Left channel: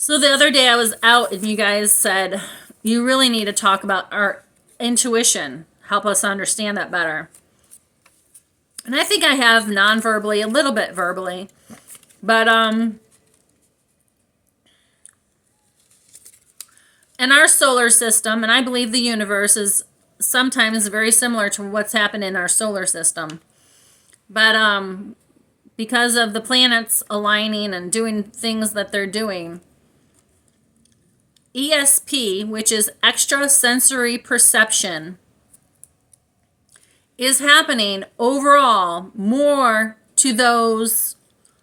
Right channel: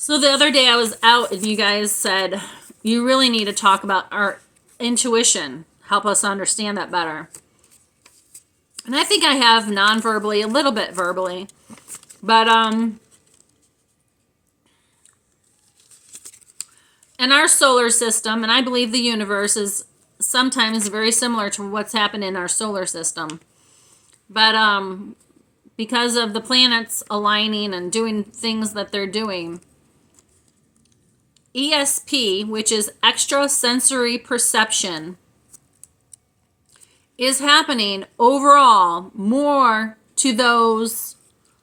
So the other day I was out and you guys said, you really need to talk about our intuition. Help us understand that better. And I think I have non-verbally, a little bit verbally. But in our solar system, and I believe the universe is sometimes very similar to what's happened in our solar system. But because of the planets aligning and doing things that they're doing, ESP, which is extrasensory perception, is happening overall more to those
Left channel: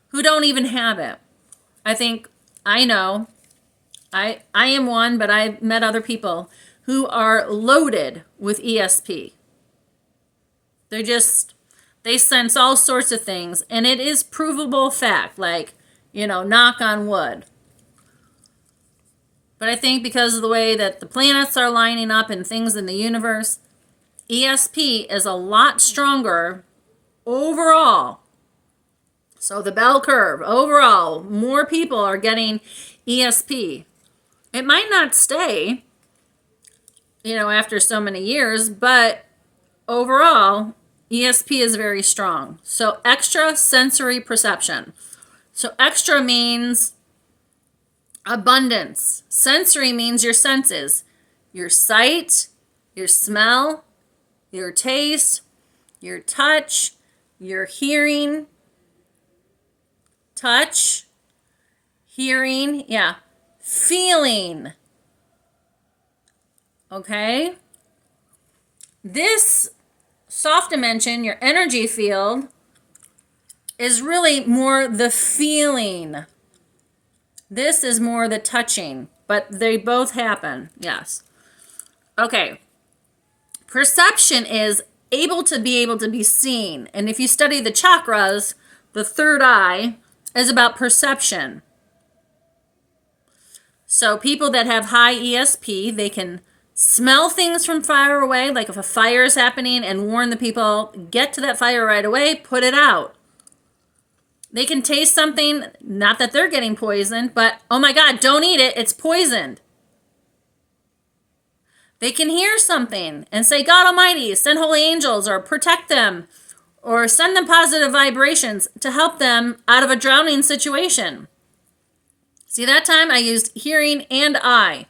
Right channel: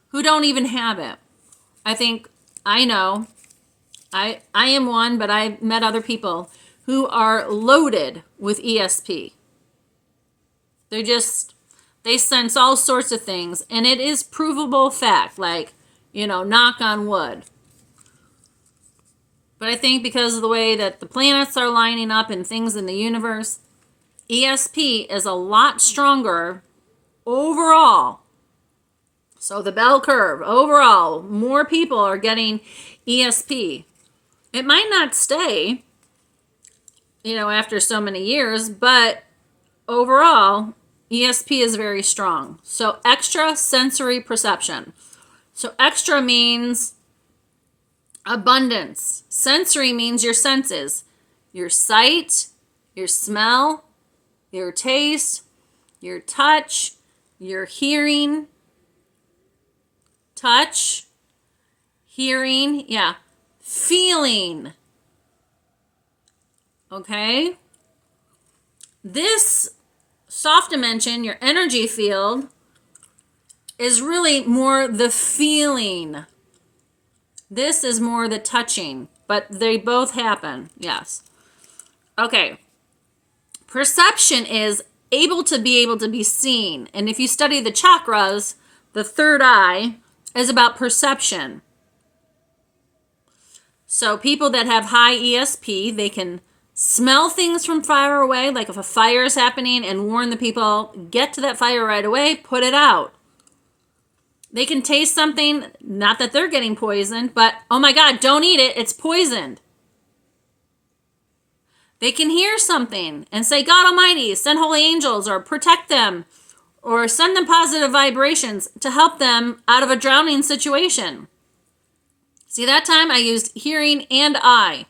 who don't even have it. I think I know. I am one, but I've met other people who are loaded with ESP. They sense all sorts of things, and it is provable fact, like, knock on wood. But I think because of the way that the planets are lining up and things in the universe, ESP is a lot stronger overall. So the bell curve, overall, more people are getting ESP. It might not stay, after so many years, but overall, ESP is very strong. So extrasensory perception. So extra means abundance. Sensory means your senses. Your sight, your smell, your taste, your touch, your hearing. Touch, hearing, feeling. Okay? This soft dimension, your energy field, is really more the feeling. This is more the touching, but they both happen, yes. Okay. Perception is able to be seen. And if you study the chakras, the third eye is about perception. So people that have high ESP, they can smell things from far away, like if a fire is happening, and warn the people, get to that fire right away, put it out. They can taste something, not that they're getting poisoned, but, oh my God, don't eat it, it's poisoned. They can hear something and say, God Almighty, send holy angels or protect them or send them positive vibrations to help them out of a drowning situation. See, that time I used hearing and eye.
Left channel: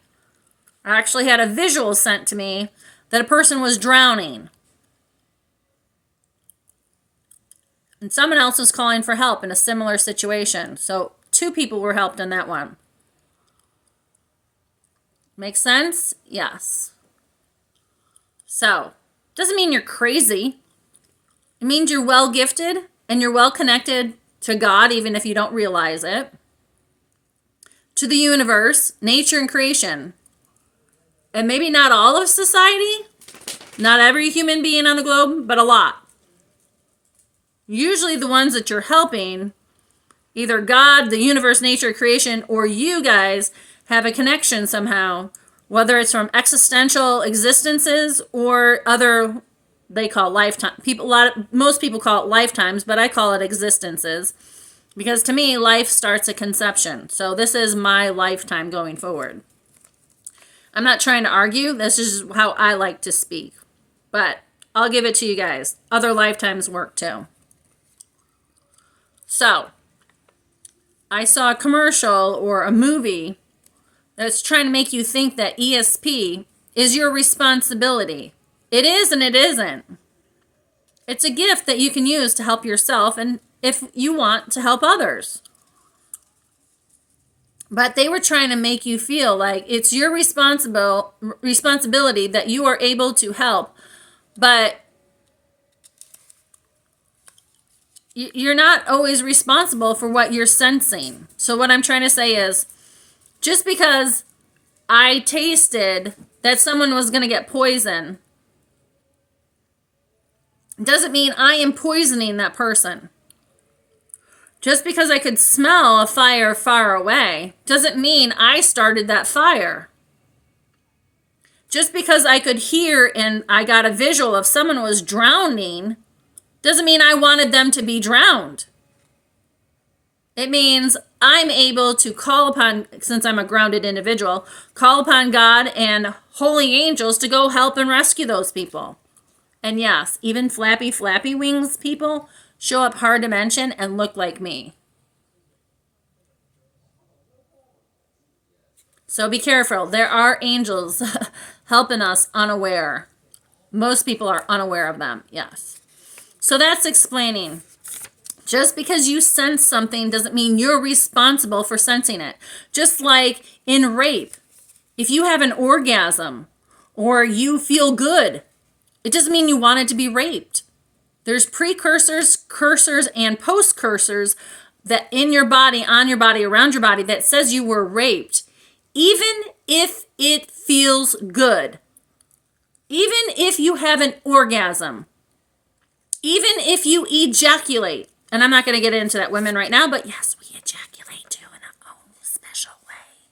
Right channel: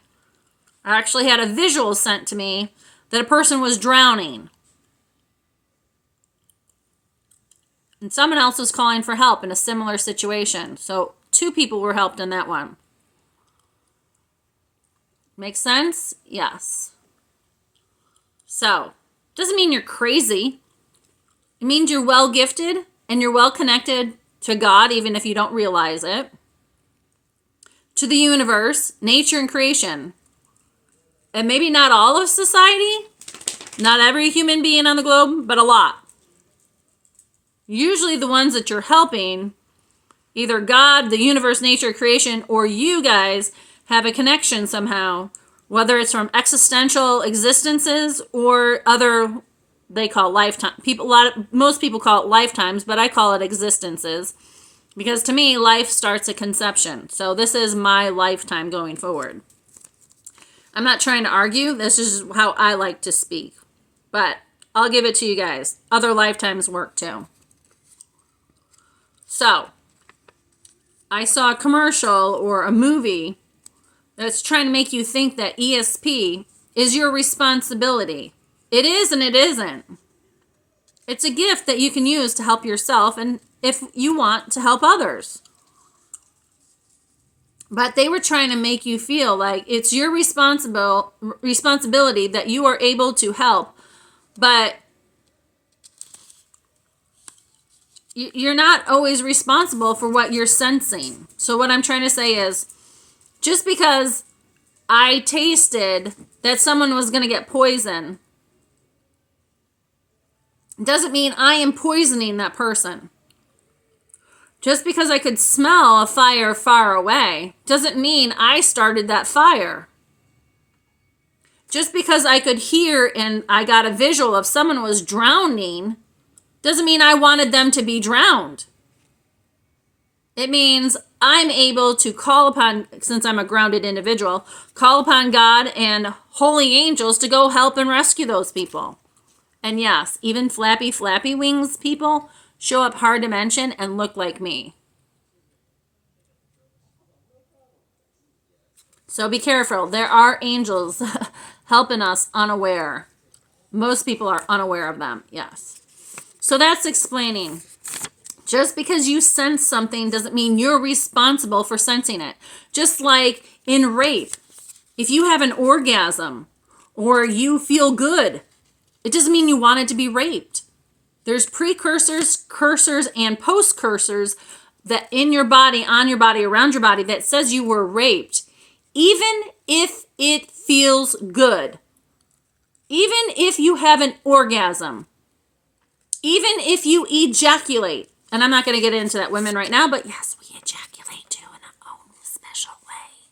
I actually had a visual sent to me that a person was drowning. And someone else was calling for help in a similar situation. So 2 people were helped in that one. Make sense? Yes. So, doesn't mean you're crazy. It means you're well gifted and you're well connected to God, even if you don't realize it. To the universe, nature, and creation. And maybe not all of society, not every human being on the globe, but a lot. Usually the ones that you're helping, either God, the universe, nature, creation, or you guys have a connection somehow, whether it's from existential existences or other, they call lifetime. Most people call it lifetimes, but I call it existences. Because to me, life starts at conception. So this is my lifetime going forward. I'm not trying to argue. This is how I like to speak. But I'll give it to you guys. Other lifetimes work too. So, I saw a commercial or a movie that's trying to make you think that ESP is your responsibility. It is and it isn't. It's a gift that you can use to help yourself and if you want to help others. But they were trying to make you feel like it's your responsibility that you are able to help, but you're not always responsible for what you're sensing. So what I'm trying to say is, just because I tasted that someone was going to get poisoned doesn't mean I am poisoning that person. Just because I could smell a fire far away doesn't mean I started that fire. Just because I could hear and I got a visual of someone was drowning doesn't mean I wanted them to be drowned. It means I'm able to call upon, since I'm a grounded individual, call upon God and holy angels to go help and rescue those people. And yes, even flappy wings people show up hard to mention and look like me. So be careful. There are angels helping us unaware. Most people are unaware of them, yes. So that's explaining. Just because you sense something doesn't mean you're responsible for sensing it. Just like in rape, if you have an orgasm or you feel good, it doesn't mean you wanted to be raped. There's precursors, cursors, and post-cursors that in your body, on your body, around your body that says you were raped, even if it feels good. Even if you have an orgasm. Even if you ejaculate. And I'm not going to get into that, women, right now, but yes, we ejaculate too in our own special way.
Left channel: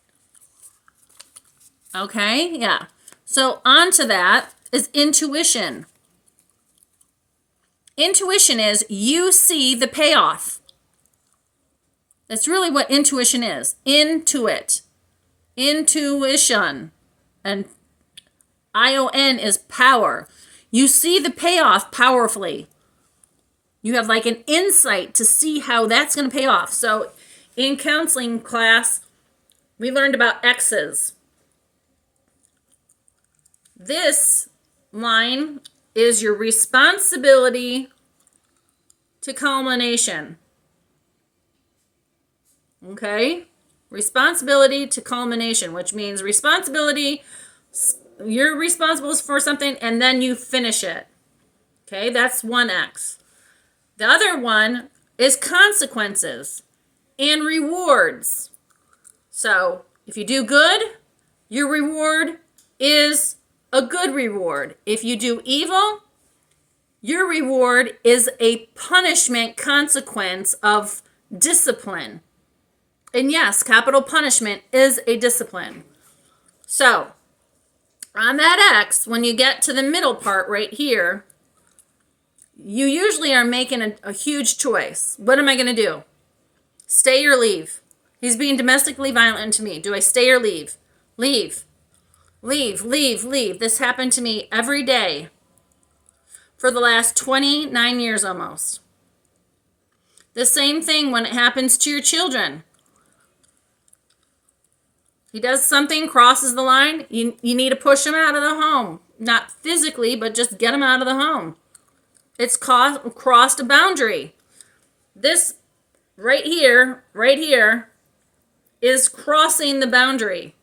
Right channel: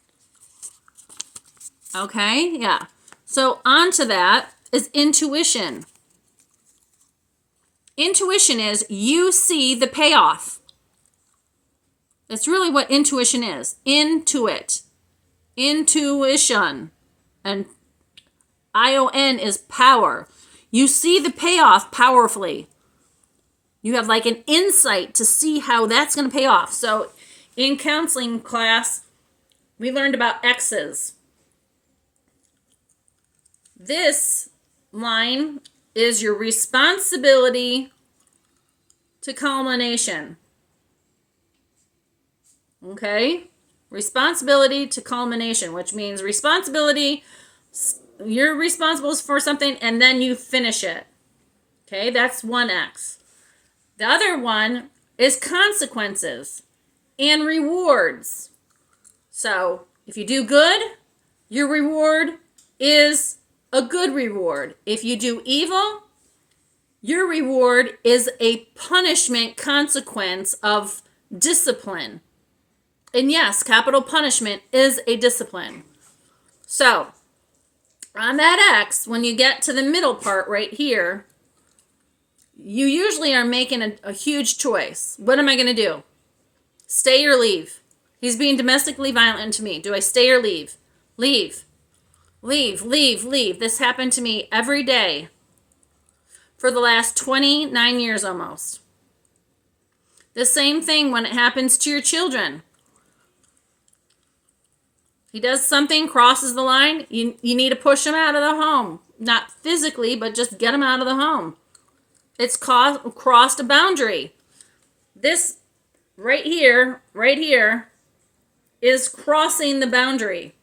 Okay, yeah. So on to that is intuition. Intuition is you see the payoff. That's really what intuition is. Intuition. And ION is power. You see the payoff powerfully. You have like an insight to see how that's going to pay off. So in counseling class, we learned about X's. This line is your responsibility to culmination. Okay? Responsibility to culmination, which means responsibility, you're responsible for something and then you finish it. Okay? That's one X. The other one is consequences and rewards. So if you do good, your reward is a good reward. If you do evil, your reward is a punishment consequence of discipline. And yes, capital punishment is a discipline. So on that X, when you get to the middle part right here, you usually are making a huge choice. What am I going to do? Stay or leave? He's being domestically violent to me. Do I stay or leave? Leave. Leave, leave, leave. This happened to me every day for the last 29 years almost. The same thing when it happens to your children. He does something, crosses the line, you need to push him out of the home. Not physically, but just get him out of the home. It's crossed a boundary. This right here, is crossing the boundary.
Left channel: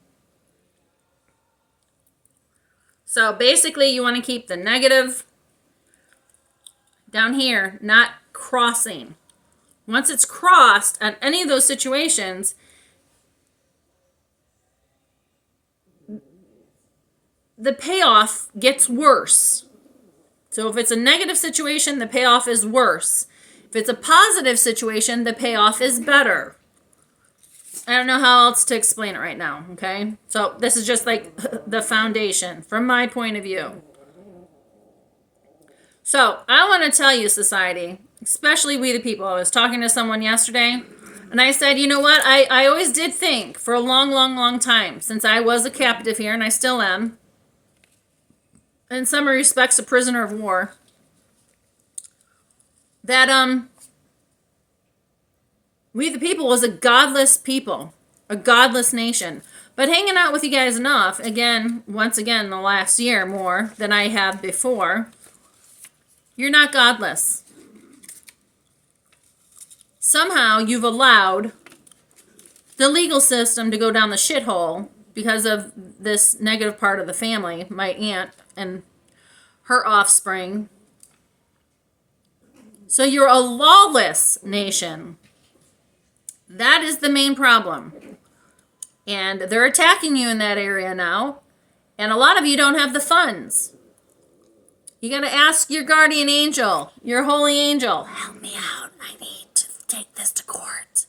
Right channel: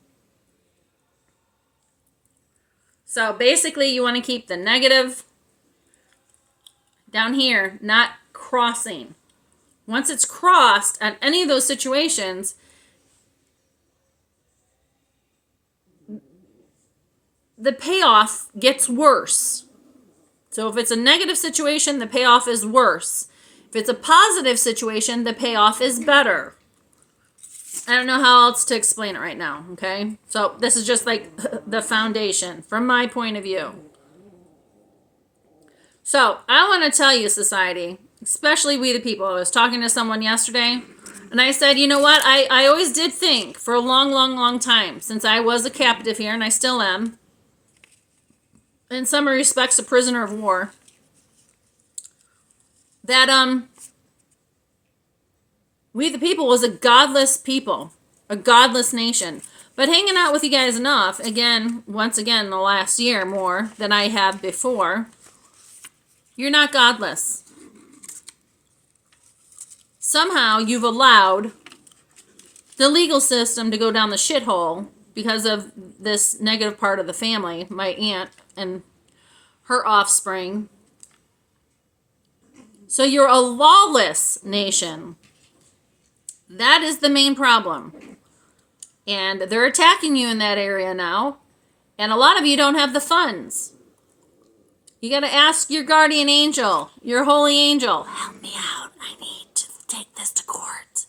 So basically you want to keep the negative down here, not crossing. Once it's crossed on any of those situations, the payoff gets worse. So if it's a negative situation, the payoff is worse. If it's a positive situation, the payoff is better. I don't know how else to explain it right now, okay? So this is just like the foundation from my point of view. So I want to tell you, society, especially we the people, I was talking to someone yesterday, and I said, you know what? I always did think for a long time, since I was a captive here, and I still am, in some respects a prisoner of war, that we the people was a godless people, a godless nation. But hanging out with you guys enough, once again, the last year more than I have before, you're not godless. Somehow you've allowed the legal system to go down the shithole because of this negative part of the family, my aunt and her offspring. So you're a lawless nation. That is the main problem. And they're attacking you in that area now. And a lot of you don't have the funds. You got to ask your guardian angel, your holy angel, help me out. I need to take this to court.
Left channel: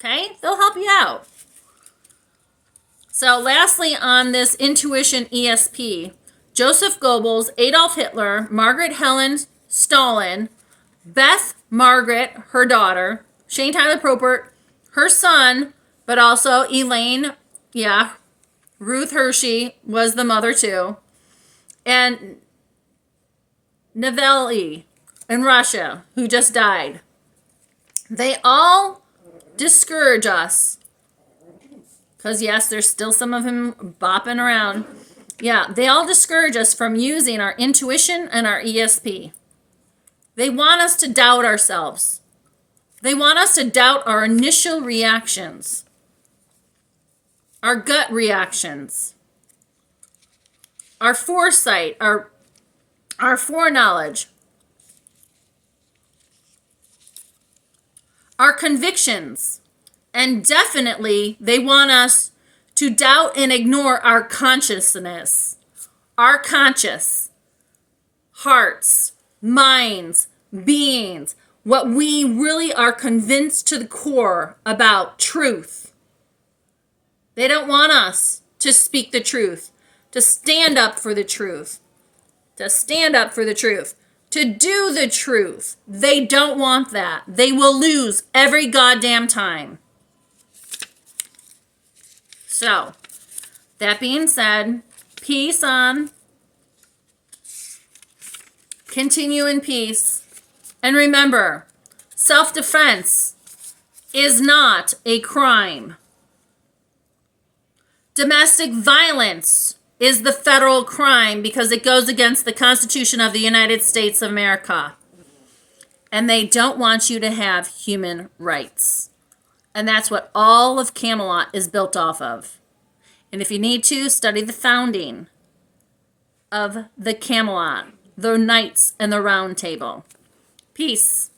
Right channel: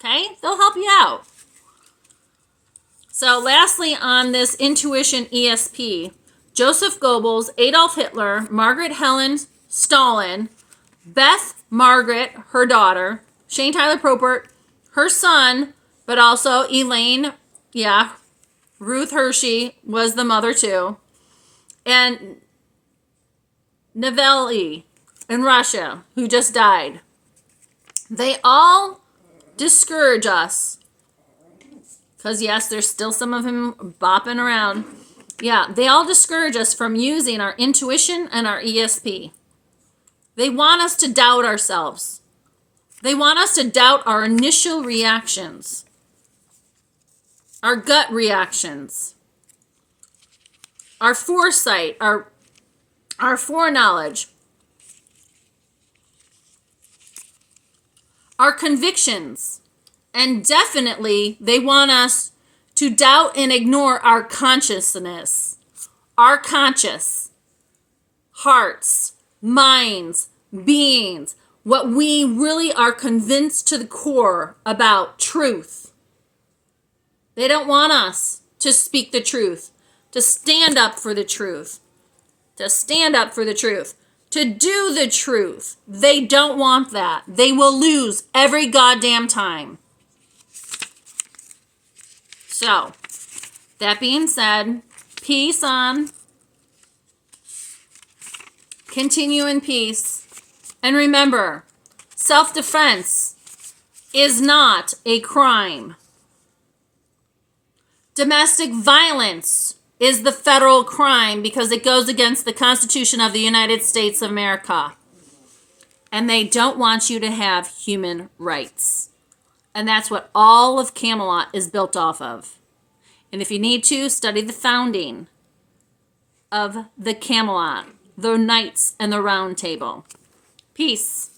Okay? They'll help you out. So lastly, on this intuition ESP, Joseph Goebbels, Adolf Hitler, Margaret Helen Stalin, Beth Margaret, her daughter, Shane Tyler Propert, her son, but also Elaine, yeah, Ruth Hershey was the mother too, and Navalny in Russia, who just died. They all discourage us. Because, yes, there's still some of him bopping around. Yeah, they all discourage us from using our intuition and our ESP. They want us to doubt ourselves. They want us to doubt our initial reactions, our gut reactions, our foresight, our foreknowledge, our convictions. And definitely, they want us to doubt and ignore our consciousness, our conscious hearts, minds, beings, what we really are convinced to the core about truth. They don't want us to speak the truth, to stand up for the truth, to stand up for the truth, to do the truth. They don't want that. They will lose every goddamn time. So, that being said, peace on. Continue in peace. And remember, self-defense is not a crime. Domestic violence is the federal crime because it goes against the Constitution of the United States of America. And they don't want you to have human rights. And that's what all of Camelot is built off of. And if you need to, study the founding of the Camelot, the Knights and the Round Table. Peace.